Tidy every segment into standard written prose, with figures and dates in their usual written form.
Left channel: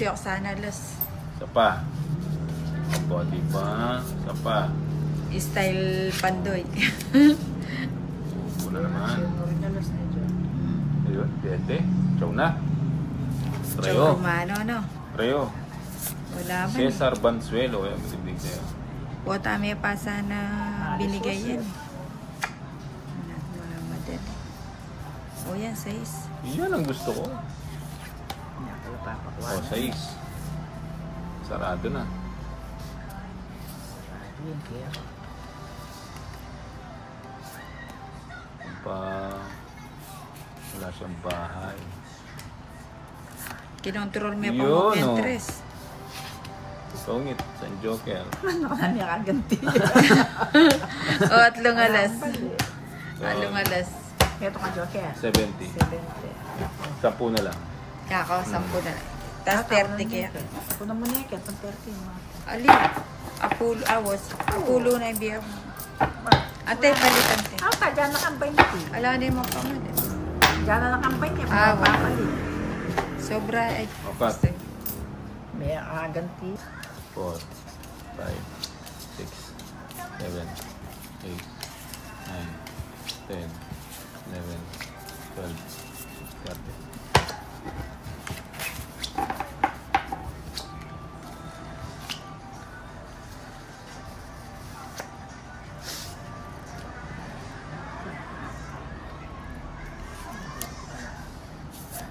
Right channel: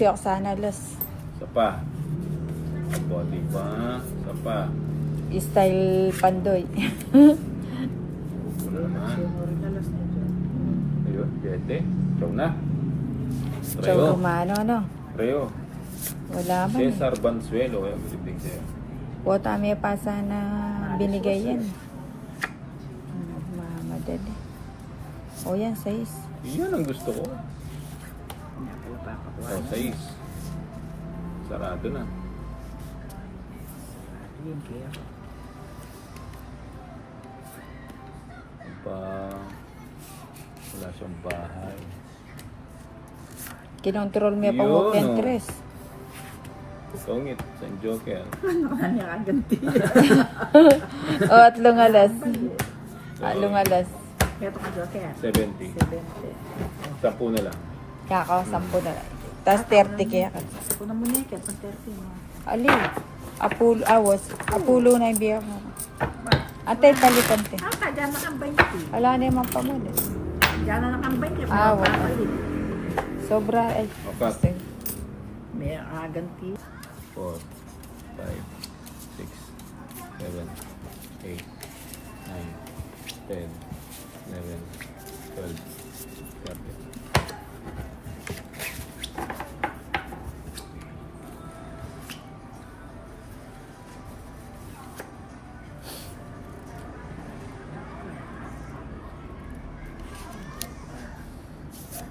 si Oksana Los. Isa pa. Aba, diba? Isa pa. Style Pandoy. Suko na naman. Dede. Chow na. Chow Romano, no? Reo. Wala man. Cesar Bansuelo. Ayan, bibig sa'yo. Wata may pa sana binigay yan. Nagmamadali. O yan, 6. Yan ang gusto ko. O, 6. Sarado na. Wala siyang bahay. Kinontrol mo pa mo Pinterest. Sungit, San Joker. Ano ka niya kaganti? O, 3 alas. 3 alas. Ito ka Joker. 70. 10 na lang. Kako, 10 na lang. Tapos 30 kaya. Ito naman niya, kaya 30 mo. Ali, Apulo na yung biyak mo. Atay, palitan siya. Ah, kaya na kang 20. Wala na yung mga pamalas. Kaya na kang 20. Wala. Sobra, ay. Apat. May kaganti. 4, 5, 6, 7, 8, 9, 10, 11, 12, 13.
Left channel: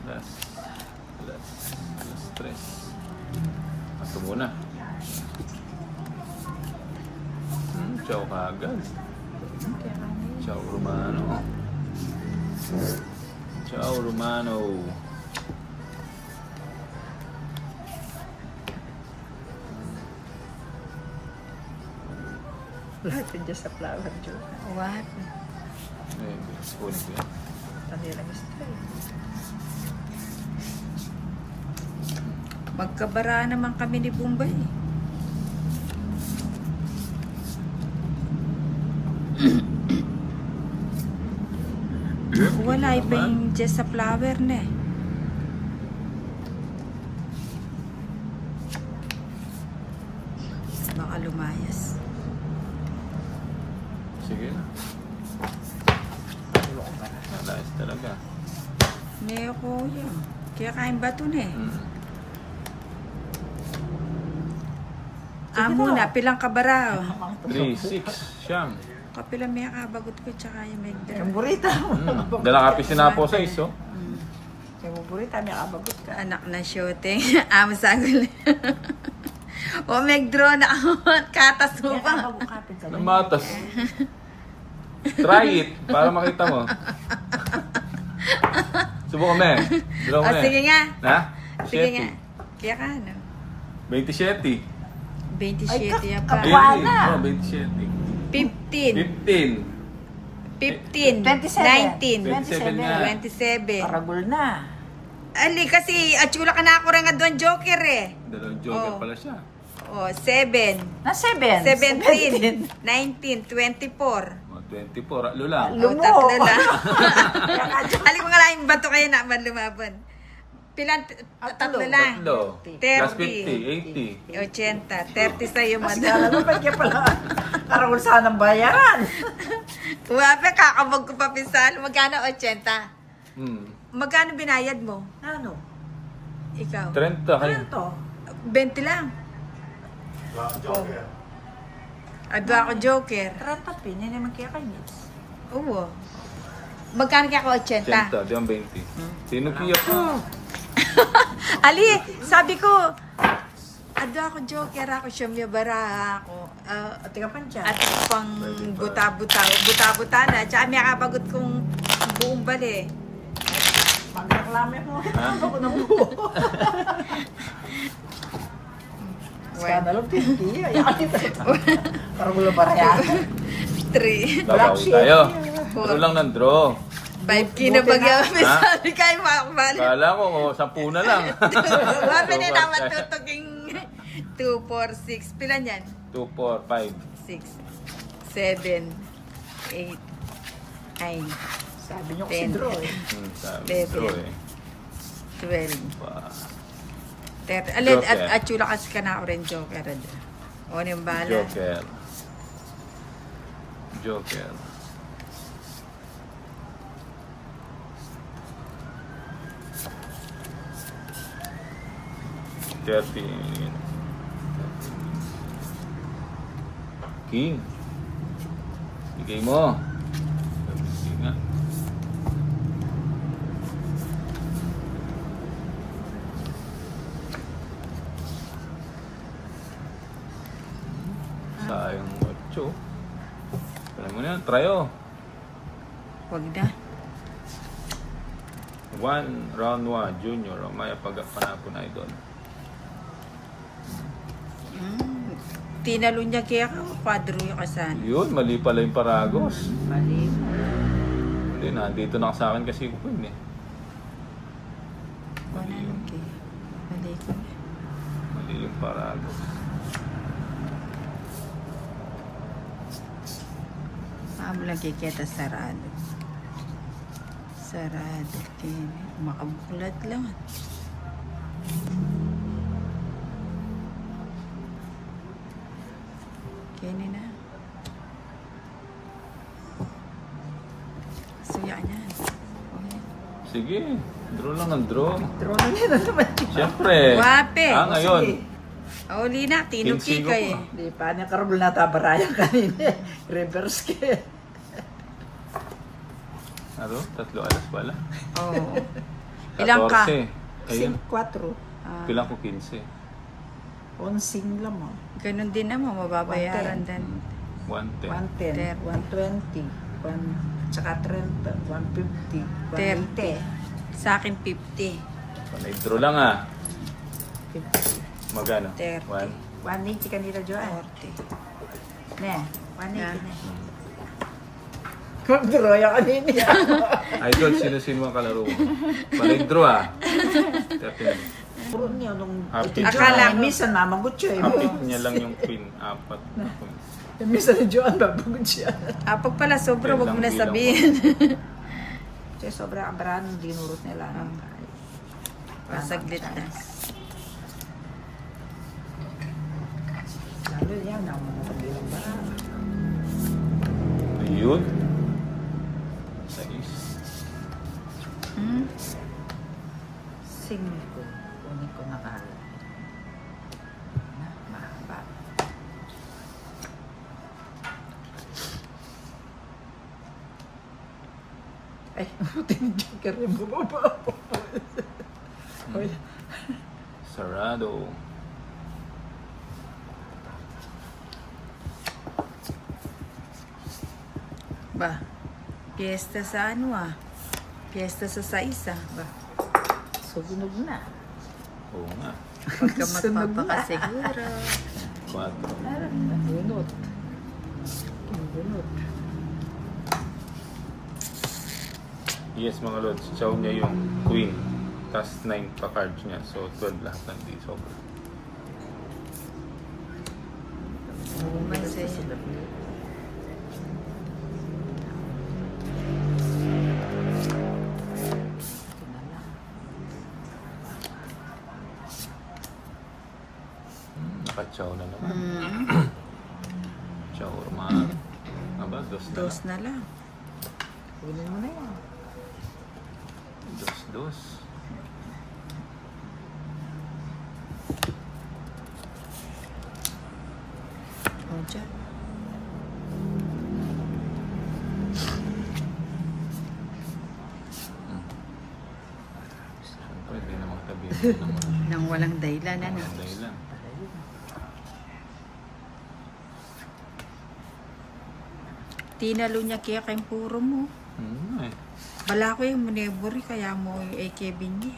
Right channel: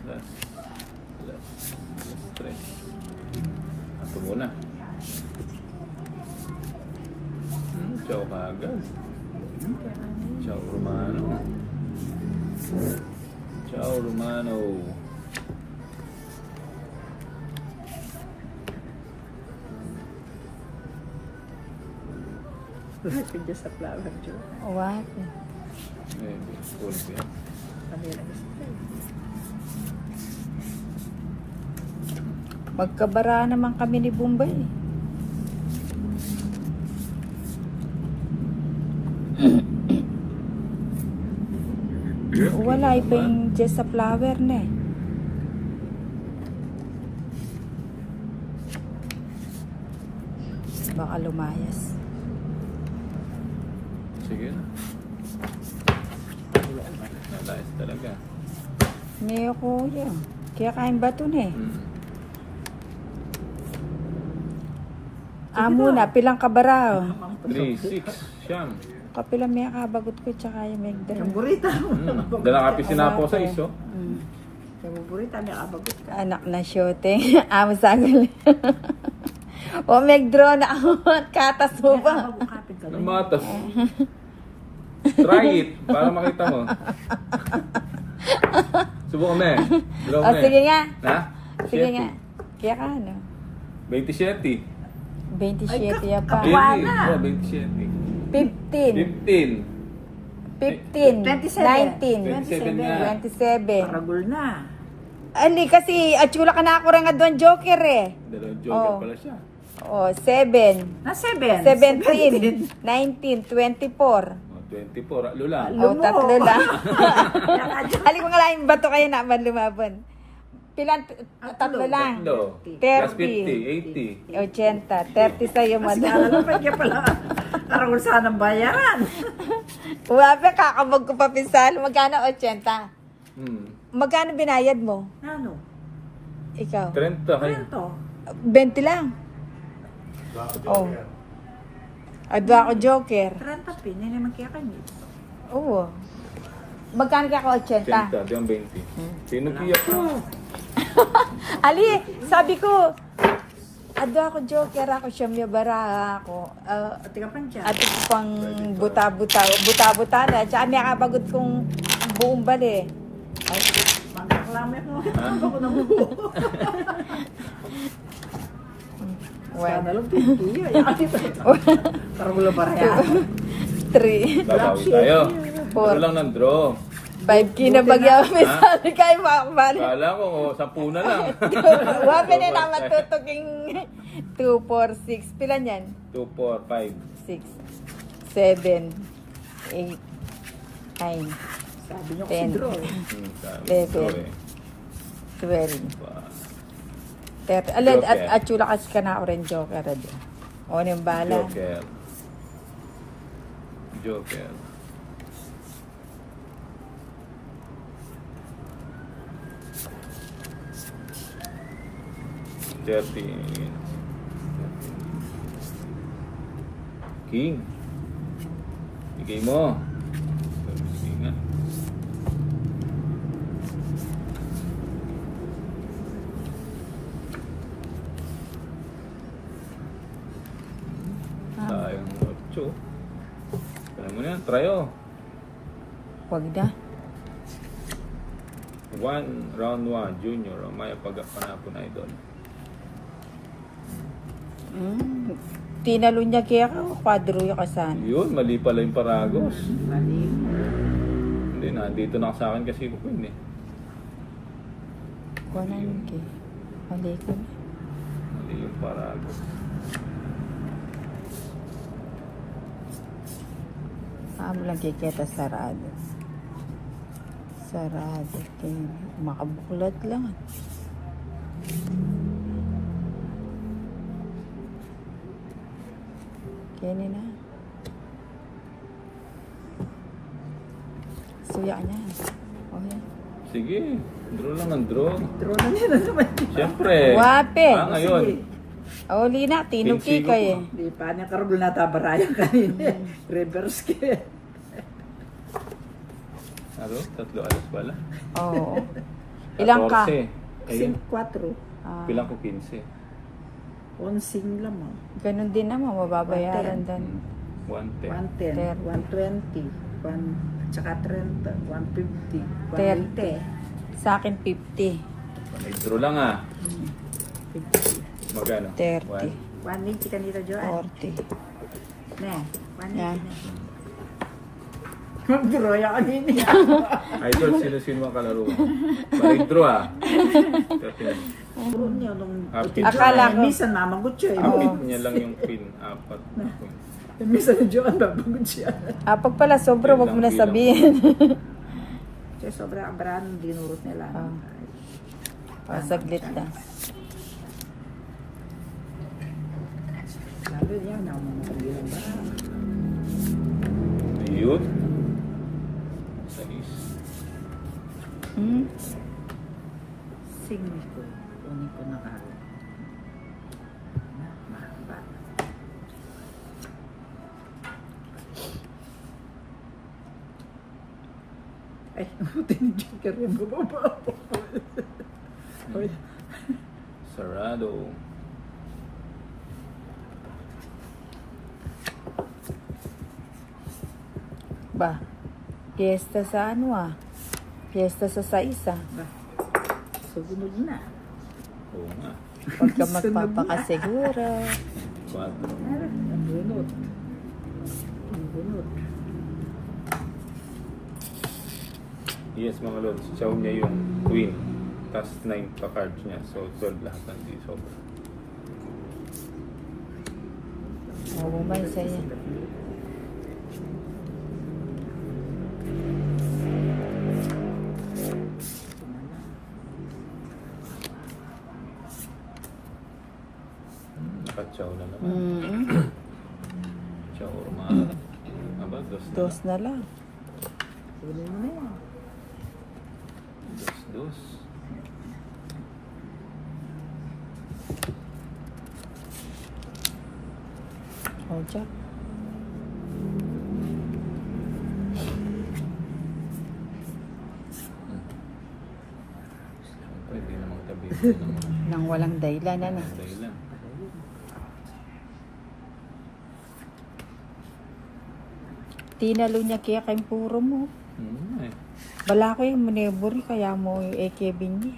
Last 3. Ito muna. Ciao kagad. Ciao Romano. Ciao Romano. Lahat yun dyan sa flower, Joe. What? Spoon ko yan. Kanila gusto. Magkabara naman kami ni Bombay. Wala, iba yung just sa flower na eh. Baka lumayas. Sige. Nice talaga. Ngayon ko yun. Kaya kain ba ito na eh? Muna, pilang kabara. 3, 6, siyang. Kapilang may kabagot ko tsaka yung medra. Yung burita mo. Dala kapi sinapo sa iso. Yung burita, may kabagot ka. Anak na shooting. Masagol. O, megdro na ako. Katas mo ba? Namatas. Try it. Para makita mo. Subukan mo eh. Sige nga. Ha? Sige nga. Kaya ka ano? 27. 27 ya pa. 27. 15. 15. 15. 19. 27. Parabol na. Ali, kasi atchula ka na ako rin nga doon joker eh. Dalawang joker pala siya. Oh, 7. Na 7. 17. 19. 24. 24. Alo lang. Oh, 3 lang. Ali ko nga lang yung bato kayo na lumabon. Pilan? 3 lang. 30. 50. 80. 30 sa'yo, madam. Kaya pala, karawal sana ng bayaran. Wape, kakabog ko pa pinsal. Magkano 80? Magkano binayad mo? Ano? Ikaw? 30. 20 lang. Oh. Adwa ako joker. 30 pin, yun naman kaya kayo. Oo. Magkano kaya ako 80? 80, diyan 20. Tinukiya ka. Ali, sabi ko, adwa ako joker ako, siyamya bara ako. At pang buta-buta na. Tsaka may kabagot kong buong bali. Magkaklamet mo. Ako na buo. Bueno. Parang wala para yan. 3. Babawi tayo. 4. lang ng draw. 5 kinabagyaw. Sabi kayo makakabali. Kala ko, 10 na lang. Wape na naman tutuking 2, 4, 6. Pilan yan? 2, 4, 5. 6, 7, 8, 9, Sabi niyo 10, kasi draw. 11, 12, 13, Aled, Joker. at chula kasi ka na orange joker. O, yung bala. Joker. Joker. King. Bigay mo. Sige nga. Sayang mo, Cho. Alam mo na, try oh. Huwag na. 1, round 1, junior. O may pagkakanapon na idol. Tinalo niya kaya ka, kwadro yung kasan. Yun, mali pala yung paragos. Mali. Hindi, nandito na sa akin kasi ko yun eh. Wala yung kaya. Mali ko na. Mali yung paragos. Paano lang kikita sarado. Sarado. Makabuklat lang. Kini na. Suya na. Okay. Sige, draw lang ang draw. Draw niya na naman. Siyempre. Wape. Ngayon. Uli na, tinuki Kinsigo kayo. Di pa niya karugol na tabarayan kanina. Reverse ka. Ano? 3 alas pala. Oo. Ilang ka? 14. Ayun. 4. Pilang ko 15. Onsing lang mo. Ganun din naman, mababayaran din. 110. 110, 120, tsaka 30, 150, 30. Sa akin, 50. May draw lang ah. 50. Magano? 30. 180 kanila, Joan. 40. Ne, 180 Yeah. na. Draw yung kanina. Idol, sino-sino ang kalaro mo? May draw ah. Definitely. Akala ko. Minsan mamagot siya. Kapit niya lang yung pin. 4. Minsan ni Joan babagot siya. Pag pala sobra, wag mo na sabihin. Kasi sobrang abrahan yung dinurot nila. Pasaglit na. Sabi niya, Ayun. Singin ko. Kunin ko na kala. Mahaba. Buti ni Joker yung bumaba. Sarado. Ba, piyesta sa ano ah. Piyesta sa isa. Sugunog na. Oo nga. Huwag ka magpapakasiguro. 4. Bunot. Bunot. Yes mga lods. Chow niya yung queen. Tapos 9 pa cards niya. So 12 lahat nandito. Oo man sa'yo. Chow na lang. Mm-hmm. Chow romano. Aba, Dos na lang. Kunin mo na yan. Dos. O, Jack. Pwede na matabi. Nang walang dahilan, ano? Dahilan. Tinalo niya kaya kayong puro mo. Eh. Bala ko yung manebori, kaya mo yung AK bingi.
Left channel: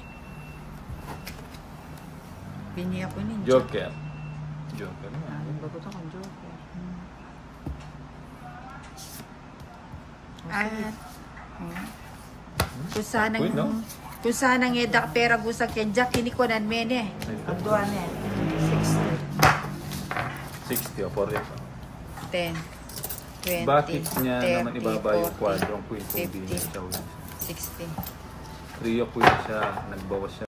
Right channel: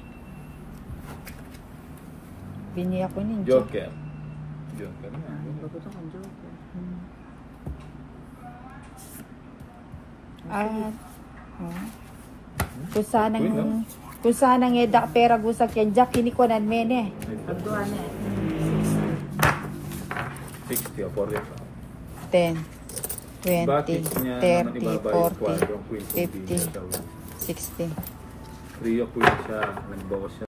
Bingi ako nun, Jack. Joker. Joker naman. Bagot ako, Joker. At, Wait, no? kung sanang edak pera gusak yan, Jack, tinikunan mene. Ang duwan eh. 60 o 40. 10, 20, Bakit niya naman 30, ibaba yung 40, quadrong queen kung di 50, niya daw? 60. 3 o queen siya. Nagbawas siya.